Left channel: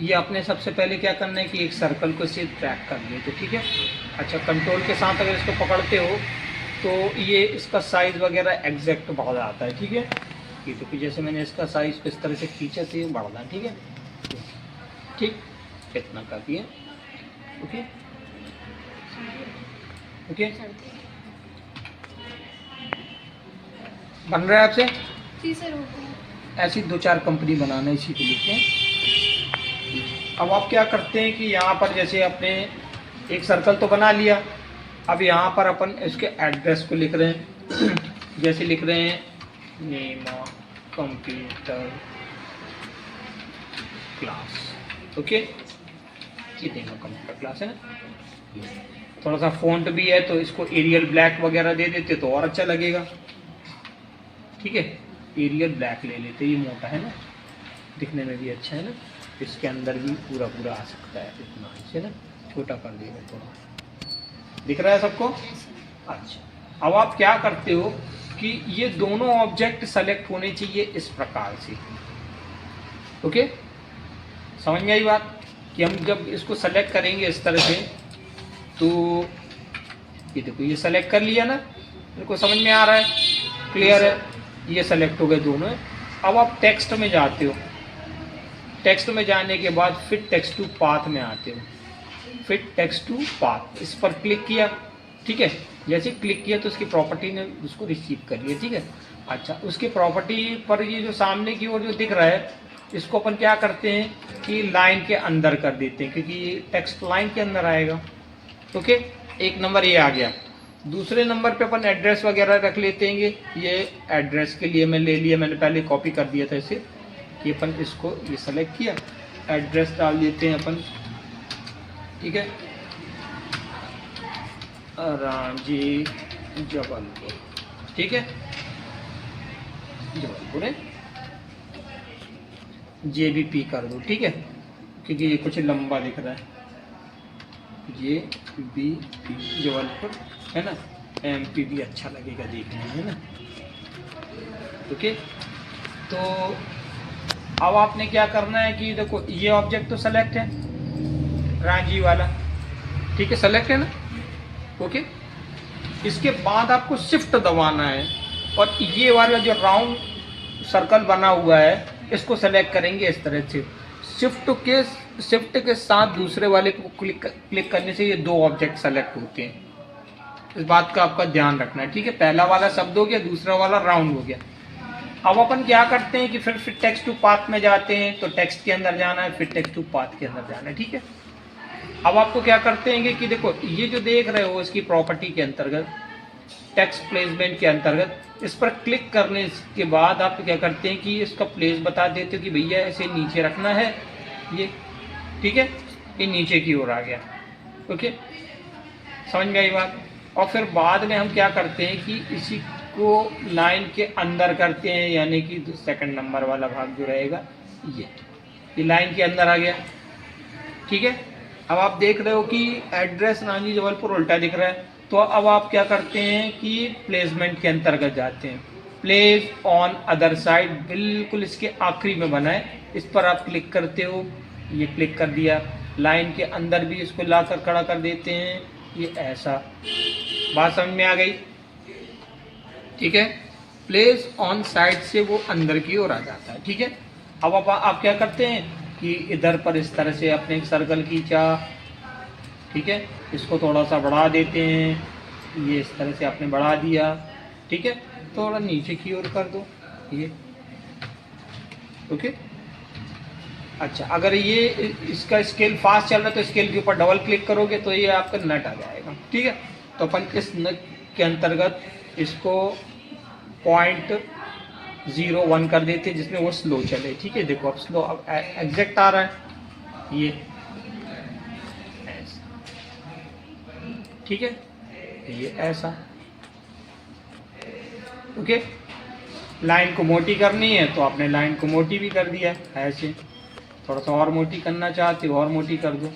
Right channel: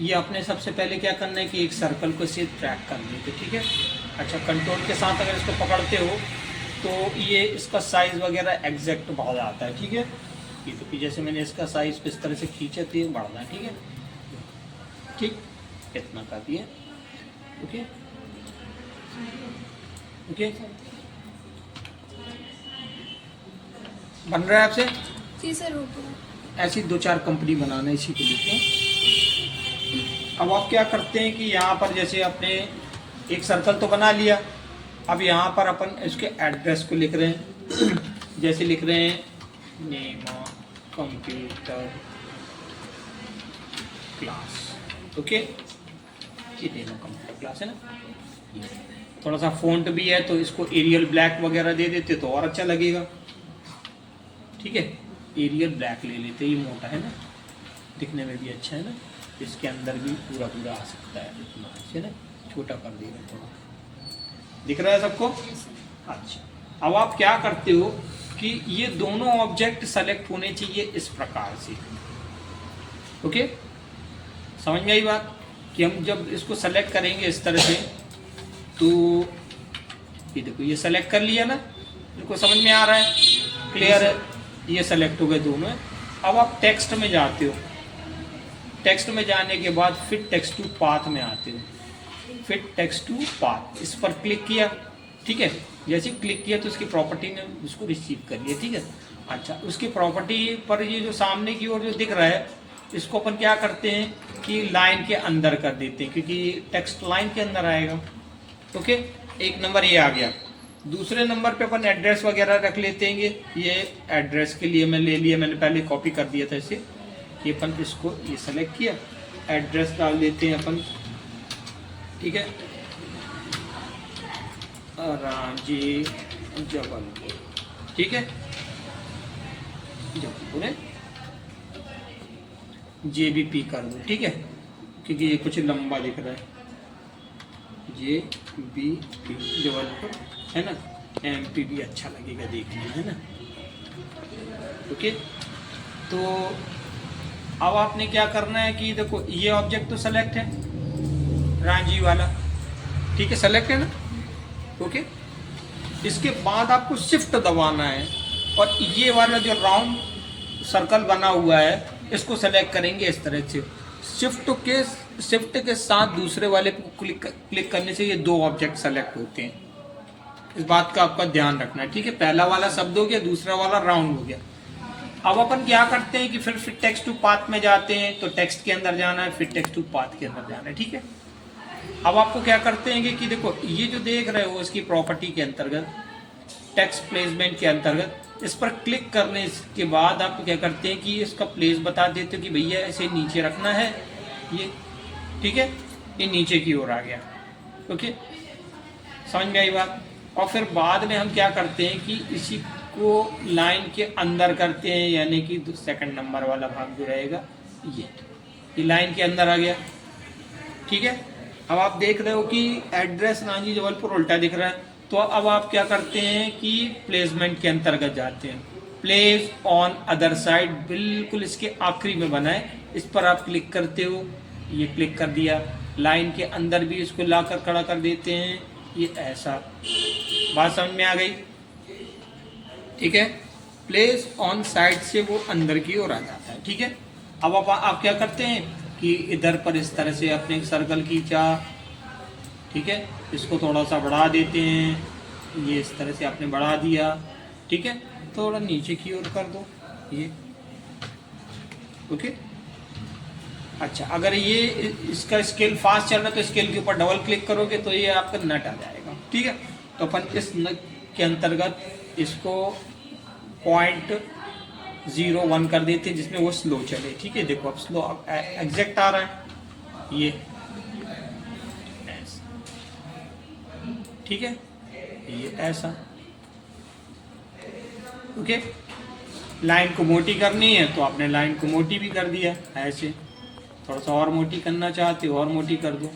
ये अपने सबसे पहले क्या करना है कि एक सर्कल को इसे ट्रैक कर लेते, ठीक है। अच्छा, कंट्रोल के साथ अगर इसको पकड़ते हो तो ये इसका साइज़ वगैरह एग्जैक्ट बढ़ जाता है, ठीक है। ये तो कि जैसे मैंने इसका साइज़ इस तरह से खींचा तो ये बढ़ना है, ठीक है। ठीक, कितना कर दिया, ओके ओके। बन रहा है आपसे? जी सर, हो गया। ऐसी 2-4 कंपनी बनाना इसी को लिखते हैं। अब आप क्या करते हैं कि यहाँ पर जैसे आपने एक सर्कल तो बना लिया, अब यहाँ पर अपन इसके एड्रेस को लिख रहे हैं। जैसे लिख रहे हैं नेम कंप्यूटर क्लास, ओके। ये नेम कंप्यूटर क्लास है ना। थोड़ा सा फॉन्ट भी है तो इसको एरियल ब्लैक वगैरह दे देते तो और अच्छा लगेगा, ठीक है। एरियल ब्लैक ले लेते, ये मोटा है ना, दिखने में भी अच्छा है ना। इसके अंदर भी पूरा पूरा आ सकता है, इतना है ना। छोटा कर दिया थोड़ा, दिख रहा है सबको? अच्छा, अब आप क्या करते हो कि ये दोनों ऑब्जेक्ट सेलेक्ट होने चाहिए इस प्रकार से, ओके। समझ में आई बात कि हम जब इसको सेलेक्ट करेंगे इस तरह से तो ये देखो, ये सेलेक्ट कर लिया ना, बिल्कुल समझ में आ रहा है, क्लियर है। ये सेलेक्ट हो गए दोनों। अब आप टेक्स्ट में जाते हो, टेक्स्ट में जाने के बाद फिट टेक्स्ट टू पाथ में आते हो। फिट टेक्स्ट टू पाथ, इस पर क्लिक किया, ठीक है। जैसे क्लिक किया तो उसकी प्रॉपर्टी ने उसको रिसीव कर लिया, ठीक है। अच्छा, उसकी प्रॉपर्टी पर ये जो सामने की ओर जो दिख रहा है, इसको अपन क्या करते हैं कि लाइन के अंदर कर देते हैं, क्योंकि टेक्स्ट लाइन के अंदर आएगा, ओके। एक नंबर ये आ गया। दूसरे नंबर पे अपन एड्रेस वगैरह रख लेते हैं। ये एड्रेस के लिए मैं ले लिया, मैंने पहले कॉपी कर दिया था इसे, कि अपन इसको ये सेलेक्ट किया, एड्रेस डाल देते हैं अपन, ठीक है। रांची जबलपुर, ठीक है, जबलपुर है। JBP कर दो, ठीक है, क्योंकि ये कुछ लंबा दिख रहा है। JBP जबलपुर है ना। MP भी अच्छा लगेगा देखने में, है ना, ओके। तो अब आपने क्या करना है कि देखो, ये ऑब्जेक्ट तो सेलेक्ट है, रांझी वाला, ठीक है, सेलेक्ट है ना, ओके। इसके बाद आपको शिफ्ट दबाना है और ये वाला जो राउंड सर्कल बना हुआ है इसको सेलेक्ट करेंगे इस तरह से। शिफ्ट के साथ दूसरे वाले को क्लिक करने से ये दो ऑब्जेक्ट सेलेक्ट होते हैं। इस बात का आपका ध्यान रखना है, ठीक है। पहला वाला शब्द हो गया, दूसरा वाला राउंड हो गया। अब अपन क्या करते हैं कि फिर टेक्स्ट टू पाथ में जाते हैं, तो टेक्स्ट के अंदर जाना है, फिर टेक्स्ट टू पाथ के अंदर जाना है, ठीक है। अब आपको क्या करते हैं कि देखो, ये जो देख रहे हो इसकी प्रॉपर्टी के अंतर्गत, टेक्स्ट प्लेसमेंट के अंतर्गत, इस पर क्लिक करने के बाद आप क्या करते हैं कि इसका प्लेस बता देते हो कि भैया इसे नीचे रखना है, ये, ठीक है। ये नीचे की ओर आ गया, ओके, समझ में आई बात। और फिर बाद में हम क्या करते हैं कि इसी को लाइन के अंदर करते हैं, यानी कि सेकंड नंबर वाला भाग जो रहेगा ये लाइन के अंदर आ गया, ठीक है। अब आप देख रहे हो कि एड्रेस रांची जबलपुर उल्टा दिख रहा है, तो अब आप क्या करते हैं कि प्लेसमेंट के अंतर्गत जाते हैं। प्लेस ऑन अदर साइड बिल्कुल इसके आखिरी में बना है, इस पर आप क्लिक करते हो, ये क्लिक कर दिया। लाइन के अंदर भी इसको लाकर खड़ा कर देते हैं, ये ऐसा। बात समझ में आ गई, ठीक है। प्लेस ऑन साइड से वो अंदर की ओर आ जाता है, ठीक है। अब आप क्या करते हैं कि इधर पर इस तरह से अपने एक सर्कल खींचा, ठीक है, इसको थोड़ा सा बढ़ा देते हैं, ये इस तरह से आपने बढ़ा दिया, ठीक है। थोड़ा नीचे की ओर कर दो, ये, ओके। अच्छा, अगर ये इसका स्केल फास्ट चल रहा है तो स्केल के ऊपर डबल क्लिक करोगे तो ये आपका नट आ जाएगा, ठीक है। तो अपन इस नट के अंतर्गत इसको 0.01 कर देते हैं, जिसमें वो स्लो चले, ठीक है। देखो अब स्लो, अब एग्जैक्ट आ रहा है ये, ठीक है, ये ऐसा, ओके। लाइन को मोटी करनी है तो आपने लाइन को मोटी भी कर दिया ऐसे। थोड़ा सा और मोटी करना चाहते हो और मोटी कर दो।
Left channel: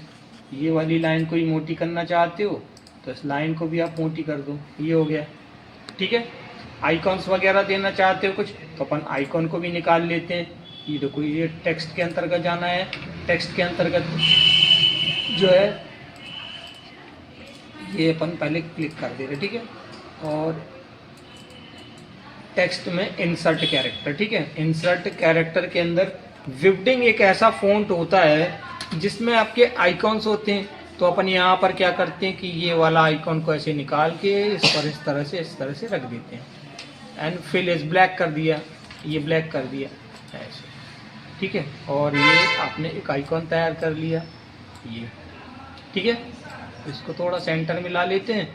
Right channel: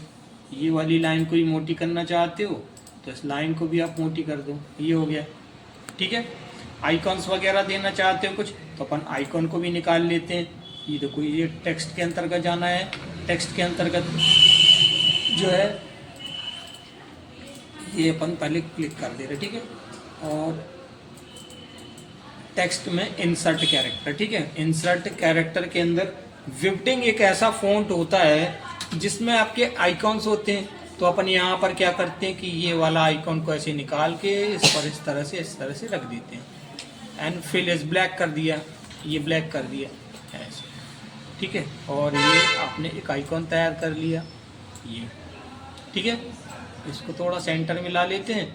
ये वाली लाइन को ही मोटी करना चाहते हो तो इस लाइन को भी आप मोटी कर दो, ये हो गया, ठीक है। आइकॉन्स वगैरह देना चाहते हो कुछ तो अपन आइकॉन को भी निकाल लेते हैं। ये देखो, ये टेक्स्ट के अंतर्गत जाना है, टेक्स्ट के अंतर्गत जो है ये अपन पहले क्लिक कर दे रहे, ठीक है। और टेक्स्ट में इंसर्ट कैरेक्टर, ठीक है। इंसर्ट कैरेक्टर के अंदर विवडिंग एक ऐसा फॉन्ट होता है जिसमें आपके आइकॉन्स होते हैं। तो अपन यहाँ पर क्या करते हैं कि ये वाला आइकॉन को ऐसे निकाल के इस पर इस तरह से रख देते हैं। एंड फिल इज ब्लैक कर दिया, ये ब्लैक कर दिया ऐसे, ठीक है। और ये आपने एक आइकॉन तैयार कर लिया ये, ठीक है। इसको थोड़ा सेंटर में ला लेते हैं।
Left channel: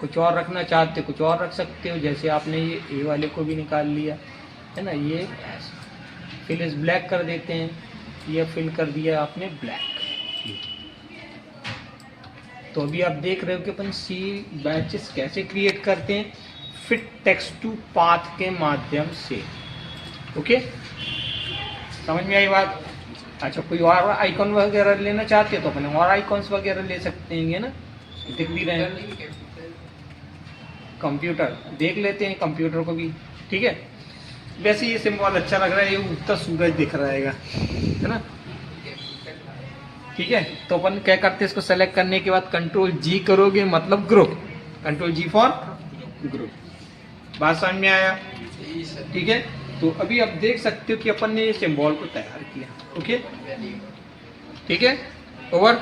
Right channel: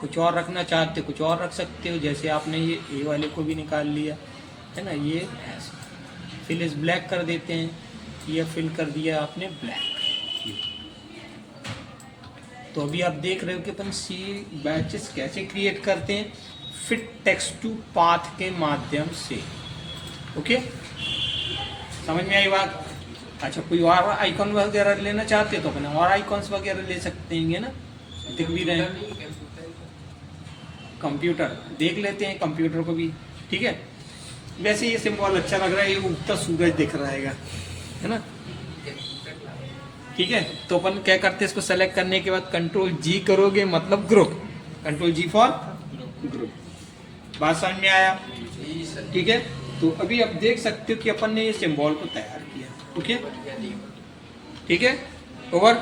कुछ और रखना चाहते कुछ और रख सकते हो, जैसे आपने ये ए वाले को भी निकाल लिया है ना, ये ऐसे फिल इज ब्लैक कर देते हैं। ये फिल कर दिया आपने ब्लैक। तो अभी आप देख रहे हो कि अपन सी बैचेस कैसे क्रिएट करते हैं, फिट टेक्स्ट टू पाथ के माध्यम से। ओके, समझ में आई बात? अच्छा, कोई और आइकॉन वगैरह लेना चाहते हो तो अपन और आइकॉन्स वगैरह ले सकते हैं ना, दिख भी रहे हैं। कंप्यूटर देख लेते हैं, कंप्यूटर को भी, ठीक है। वैसे ये सिंबल अच्छा लग रहा है, ये उगता सूरज दिख रहा है ना, ठीक है। तो अपन क्या करते हैं, इसको सेलेक्ट करने के बाद कंट्रोल जी करोगे मतलब group, control G for group. बात समझ में आया? ठीक है। तो अभी आप देख सकते हो कि अपन ने ये सिंबल को तैयार किया। ओके, ठीक है, ओवर।